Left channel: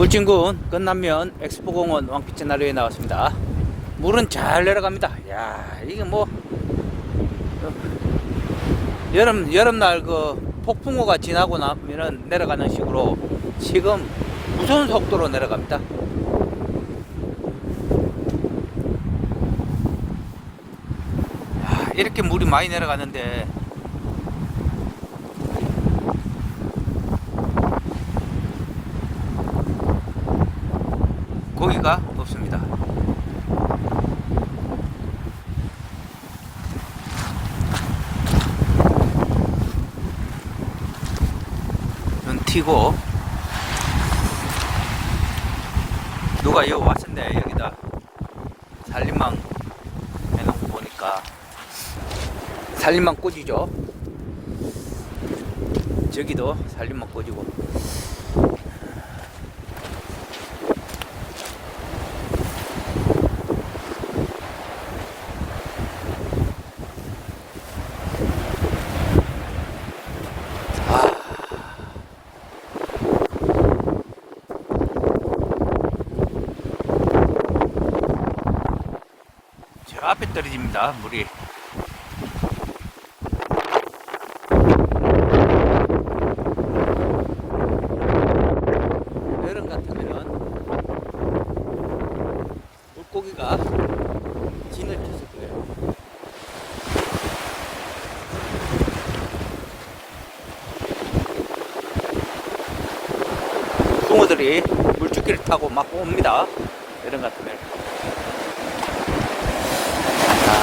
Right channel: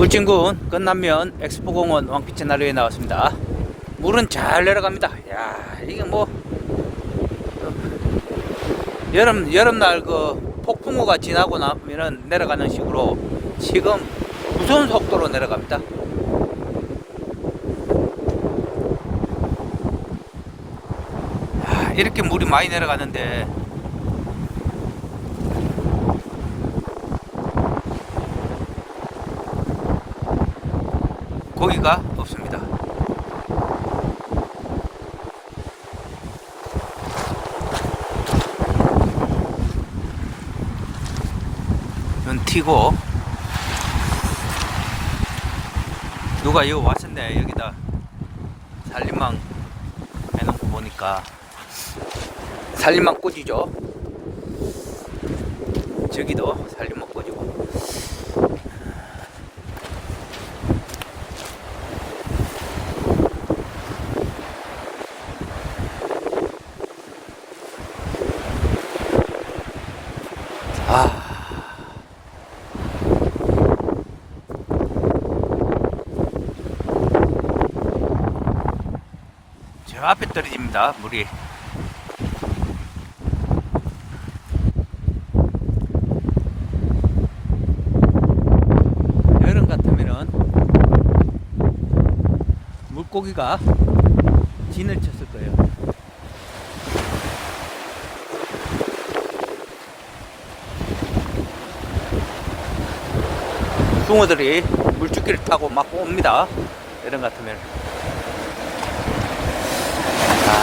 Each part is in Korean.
울진군 끝남면 엑스포공원 왕빛의 나루에 나왔습니다. 물은 잘 내려갑니다. 야 이게 뭐 어, 여름 여름날 그 폭풍우가 지나고 나면은 내려가는 식으로 지금 무서운 속도로 내려갑니다. 아, 이렇게 물이 많이 내려가는데 고기가 없습니다. 티고 누가 여기 왔는데 여기다 살림망 해놓고 보니까 살림망 꽂이죠. 저기도 살림망 꽂이고 저 앞에 떨어집니다, 물이. 여름 같으면은 물고기가 진을 쳤을 거예요. 숭어들이 물줄기를 타고 막 옵니다. 여름 같으면. 아.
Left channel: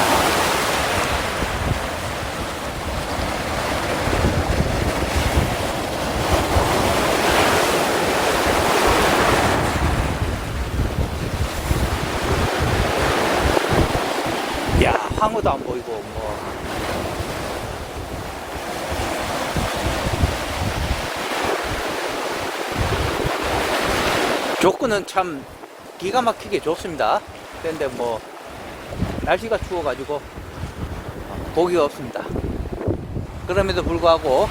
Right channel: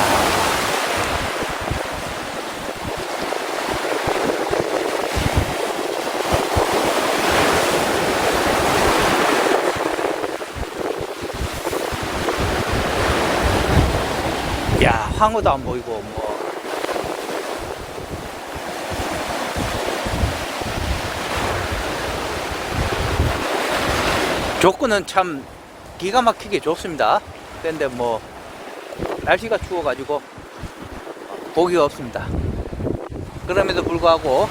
야, 황후도 안 보이고, 뭐. 조건은 참 기가 막히게 좋습니다. 근데 뭐 날씨가 추워가지고 고기가 없습니다. 그럼에도 불구하고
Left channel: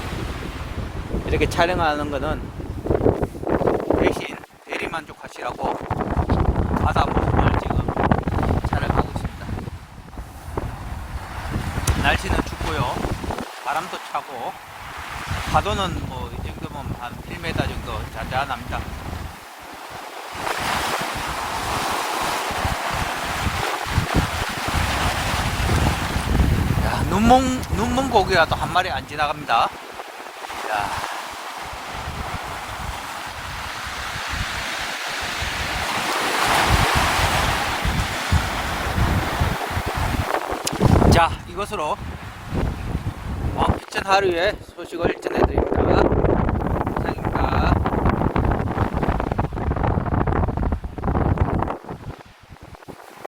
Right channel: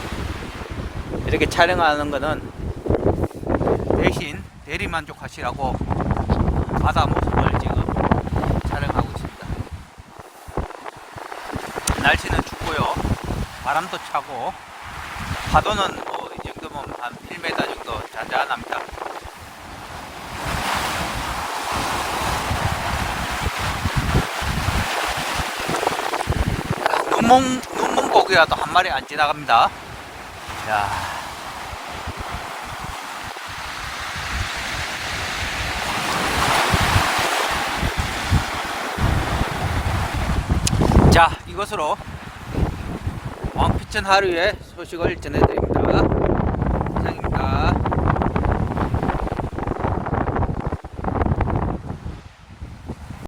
이렇게 촬영하는 거는 대신 대리 만족하시라고 바다 모습을 지금 촬영하고 있습니다. 날씨는 춥고요. 바람도 차고 파도는 뭐이 정도면 한 1m 정도 잔잔합니다. 눈몽 고기가 또한 마리 안 지나갑니다. 야. 자, 이것으로 왕피천 하루의 소식을 전해드립니다.